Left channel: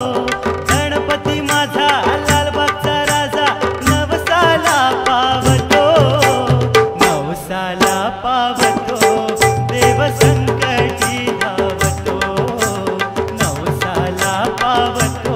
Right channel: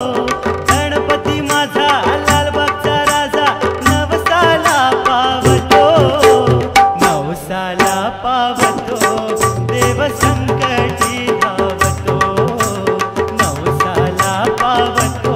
गणपती माझा लालबागचा राजा नवसाला पावतो, नवसाला पावतो, देव संकटी धावतो, नवसाला पावतो।